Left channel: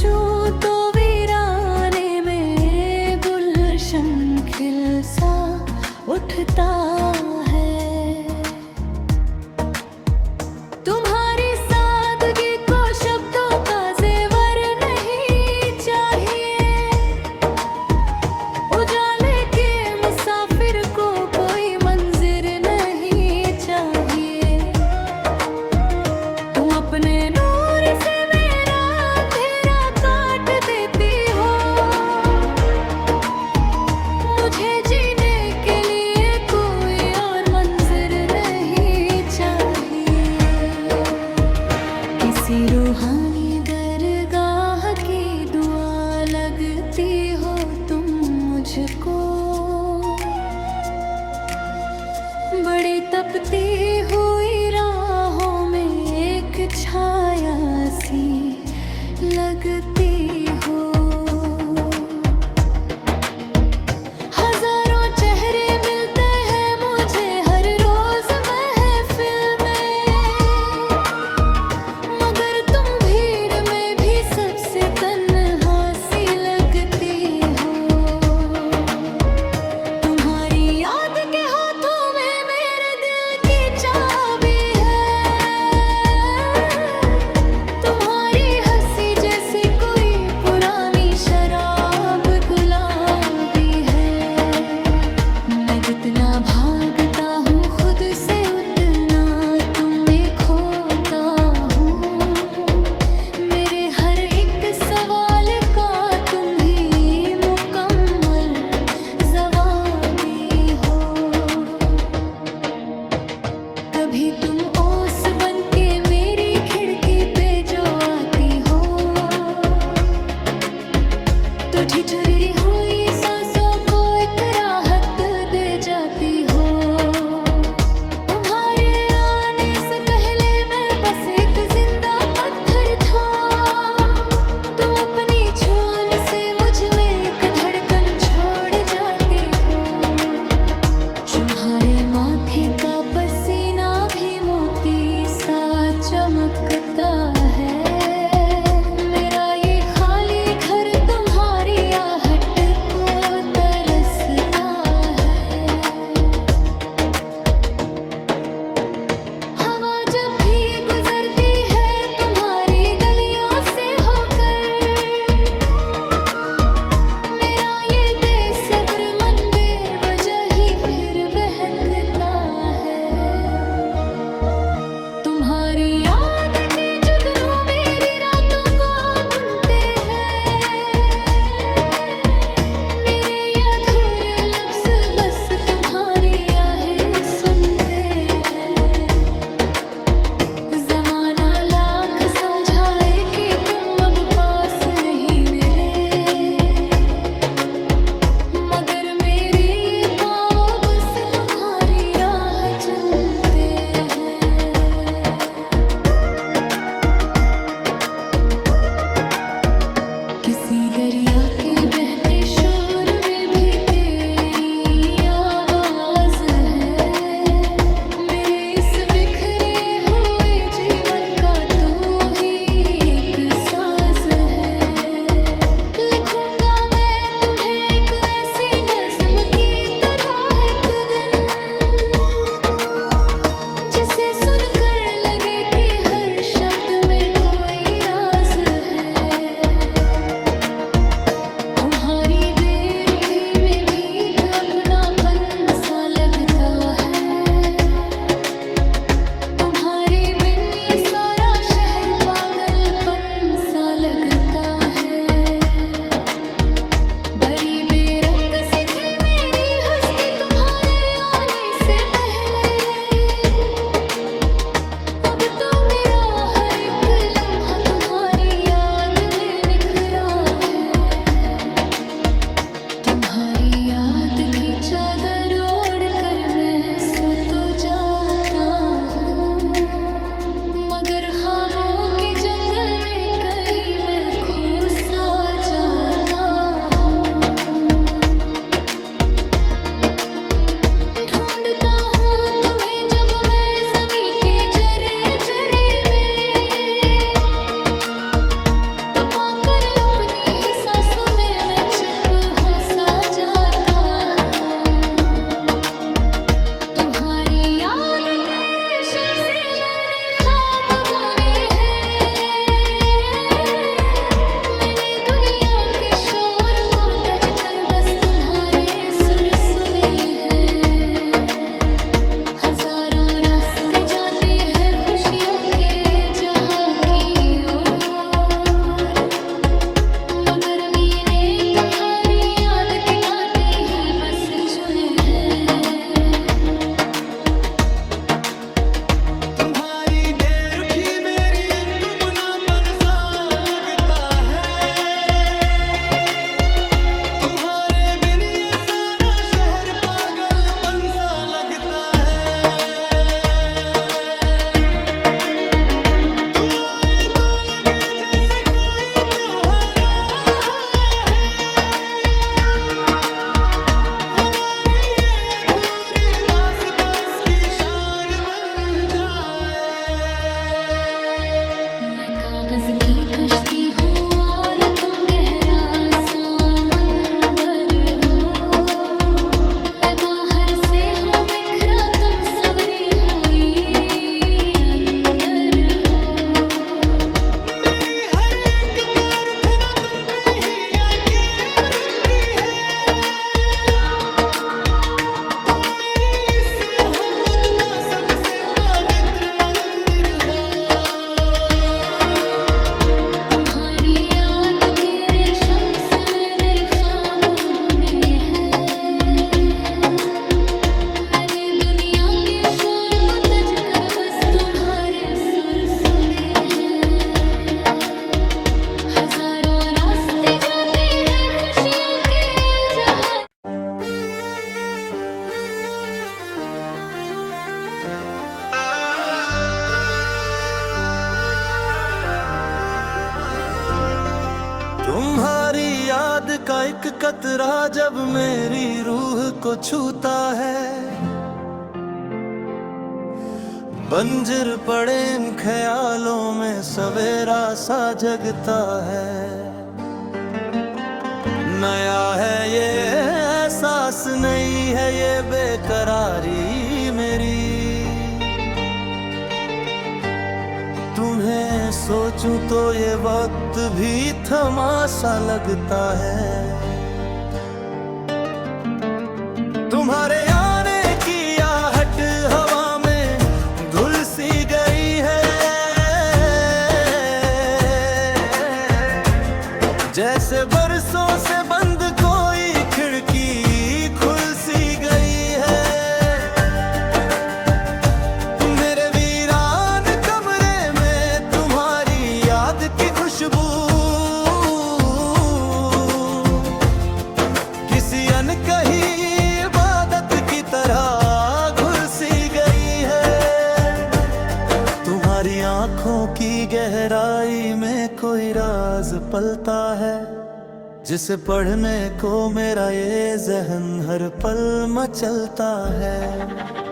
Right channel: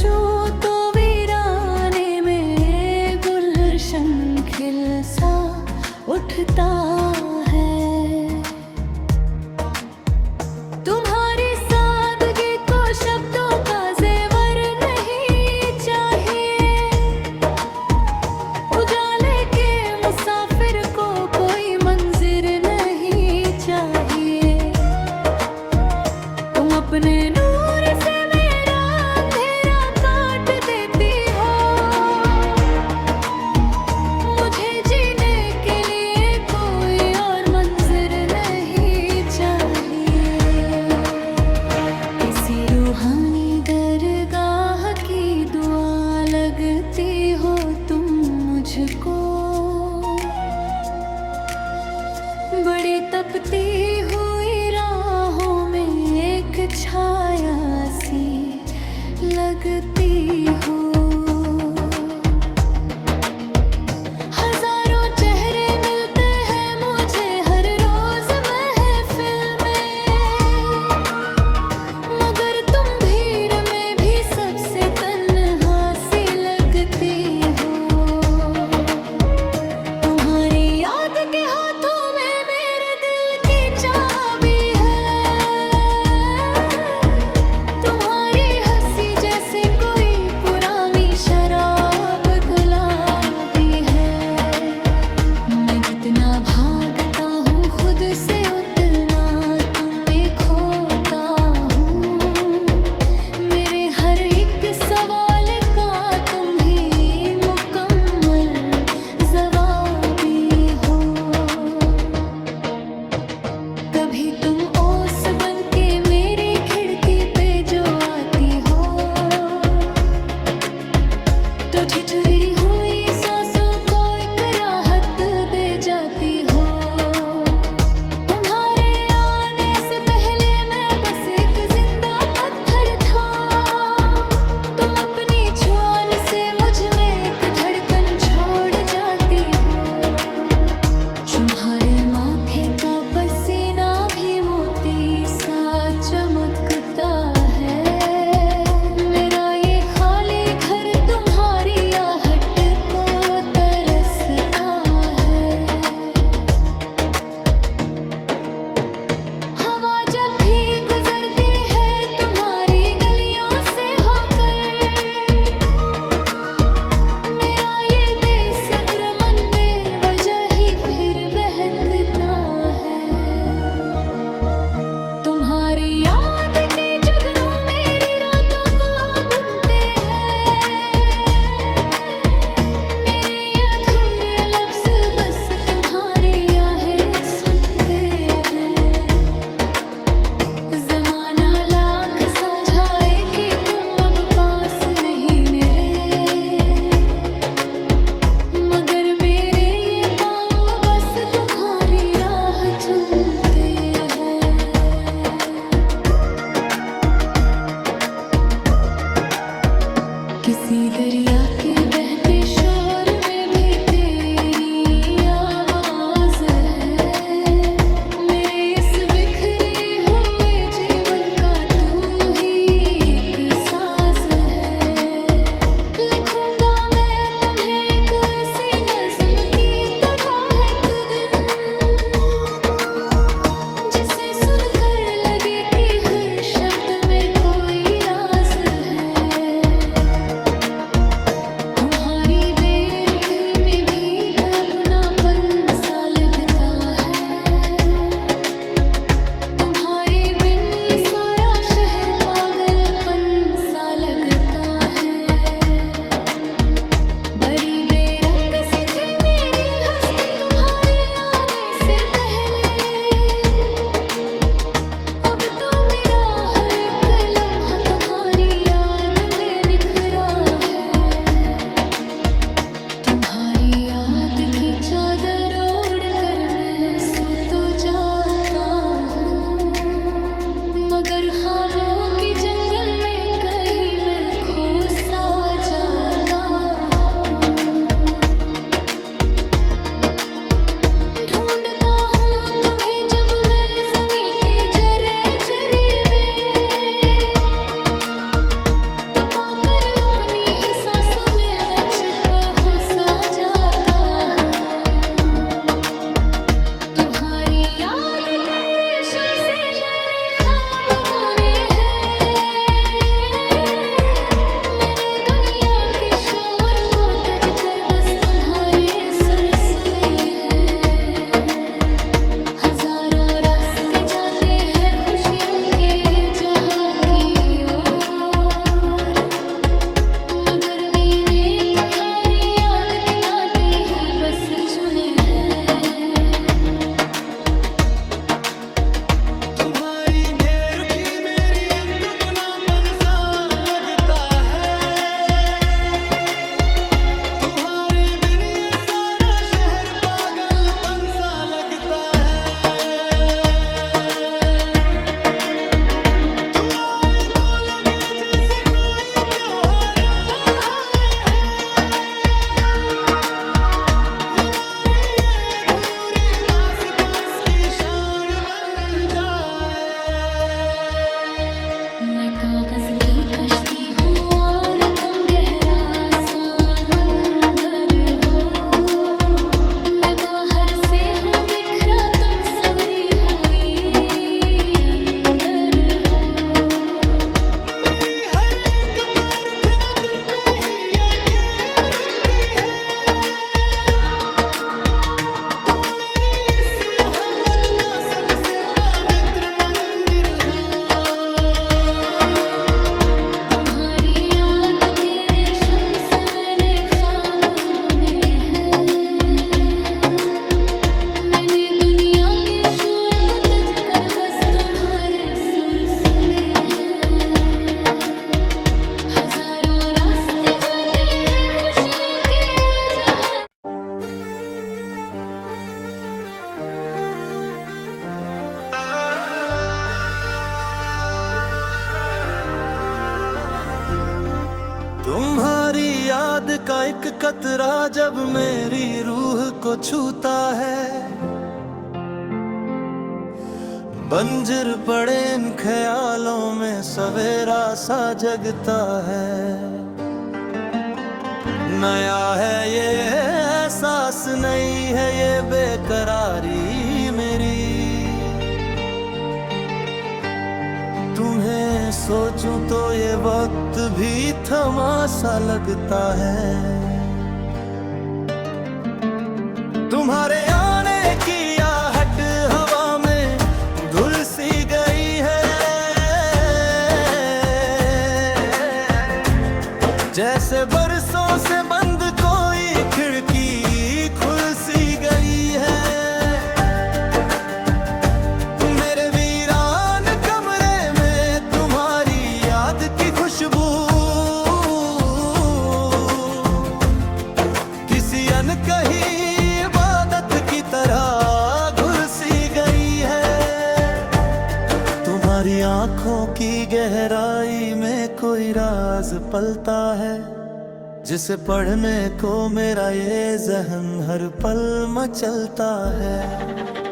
सोचूं तो वीराने में गुलशन खिल सा उठता है। तुम्हारी सादगी को शब्दों का जेवर नहीं चाहिए, उजाले के मुसाफिर को कोई मंजिर नहीं चाहिए। तुम अपने नूर से मेरा अंधेरा काट देती हो, मुझे जीने के लिए कोई और मंजिर नहीं चाहिए। किसी रूहानी दरगाह की दुआ लगती हो तुम मुझको, बड़ी तपती हुई राहों में एक छाया सी लगती हो। हजारों चेहरे मिलते हैं मुझे हर रोज महफिल में, मगर तुम भीड़ में भी सबसे तन्हा सी लगती हो। तुम्हारी याद के हाथों में मेरे दिल की चाबी है, तुम्हारी हंसी जैसे कोई पुरानी शराब गुलाबी है। मैं जितना भागता हूँ खुद से उतना तुम्हें खोता हूँ, मेरे हर एक सवाल का तुम ही मुकम्मल जवाबी हो। कभी तुम ओस बन के मेरी खिड़की पे जो आती हो, तो ठिठुरी हुई सांसों को एक राहत दे जाती हो। तुम्हारे आने से पहले मैं बस एक जिंदा पत्थर था, तुम अपनी छुआन से मुझ में एक धड़कन छोड़ जाती हो। तुम्हारे माथे का पसीना भी मोती सा चमकता है, मेरा ये खाली घर तुम्हारी आहट को तरसता है। हवा जब भी गुजरती है तुम्हारी गलियों से होकर, मेरा ये बेसब्र मन बेवजह ही फिर बहकता है। तुम्हारी याद के जुगनू मेरी रातों को बुनते हैं, मेरे अधूरे लफ्ज बस तुम्हारी आहें सुनते हैं। जमाना लाख समझाए कि तुम अब पास नहीं मेरे, मगर मेरे ये पाँव बस तुम्हारी राह चुनते हैं। किसी दरिया के बहते शोर में भी तेरी आवाज है, मेरे इस बिखरे हुए जीवन का तू ही एक साज है। लिखूंगा मैं तुम्हें एक ऐसी नज्म की तरह एक दिन, जिसे सुनकर लगे कि हर शब्द में कोई राज है। तुम्हारी बेरुखी में भी तो अपनापन सा लगता है, तुम्हारे बिन ये सारा शहर पागलपन सा लगता है। बड़ी बेरंग सी थी मेरी हस्ती तुम्हारे आने से पहले, अब तो मेरा हर एक लम्हा तुम्हारी याद में निखरा है। तुम्हारी याद की चादर ओढ़ कर मैं सो तो जाता हूँ, मगर ख्वाबों के जंगल में कहीं मैं खो सा जाता हूँ। ढूंढता हूँ तुम्हें जब मैं ज़मीं के जरे जरे में, तो पाकर कर बस तुम्हारे सुर सुने हैं। हजारों रास्ते जाते हैं खुशियों के जहां की ओर, मगर मैंने तुम्हारी याद के कांटे ही बस चुने हैं। तुम्हारी बेरुखी मेरी अनकमुनापन सा लगता है। तुम्हारे बिन ये सारा शहर पागलपन सा लगता है। तू आए तो लगे जैसे कोई त्योहार है। वो नारी ये अधूरी दास बस की शान बन जाए। मैं कागज की कश्ती हूँ और तुम गहरा समंदर हो। मैं बाहर से हूँ बिखरा, तुम सवरी हुई अंदर हो। मेरी हर एक प्रार्थना तुम पे ही आके रुकती है। तुम मेरी इस मोहब्बत का सबसे पवित्र मंदिर हो। तुम्हारी याद के रेशम से मैंने ख्वाब बुने हैं। मैंने दुनिया के शोर को तज कर बस तुम्हारे सुर सुने हैं। हजारों रास्ते जाते हैं खुशियों के जहां। तुम्हारी याद का एक कतरा जब मेरी रूह को छूता है, बंजर पड़े इन ख्यालों में सवेरा सा जगता है। नया है ये एहसास, नहीं है ये बेकरारी मेरी। तुम्हें सोचूं तो ये वक्त भी थमा सा लगता है। तुम्हारे आने की आहट हवा में धुल सी गई है। जैसे बरसों से बंद कोई खिड़की खुल सी गई है। मेरे वीरान कमरे में तुम्हारी याद की खुशबू किसी अनकही इबादत की तरह घुल सी गई है। तुम्हारी आंखों की गहराई में कोई राज पलता है, जिसे पढ़ने को मेरा ये जहन हर पल मचलता है।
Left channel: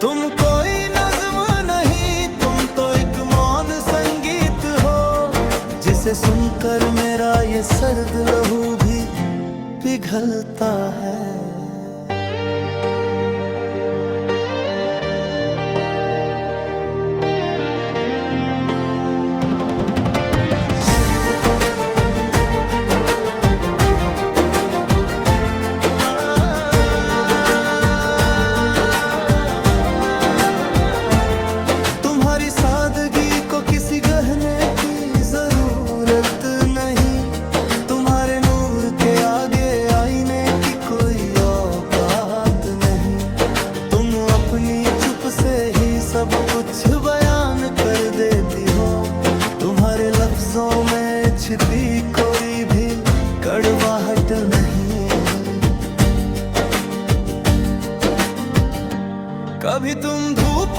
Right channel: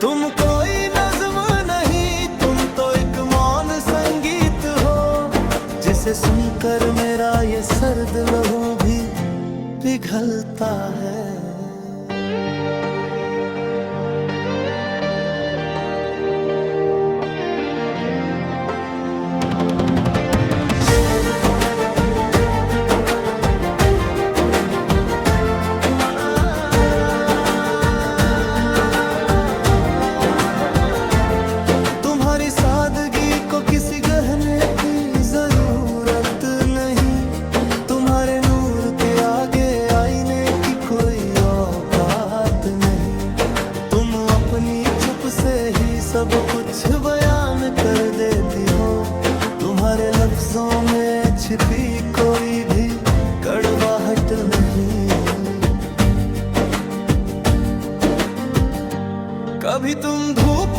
तुम कोई नज़्म नहीं, तुम तो एक मौन संगीत हो, जिसे सुनकर मेरा ये सर्द लहू भी पिघलता है। तुम्हारी सादगी को किसी गहने की जरूरत नहीं। तुम्हारे नूर के आगे आईने की कोई औकात नहीं। तुम अपनी चुप से ही सब कुछ बयान कर देती हो। तुम्हारे लफ्जों में छिपी कोई भी कड़वाहट नहीं। कभी तुम धूप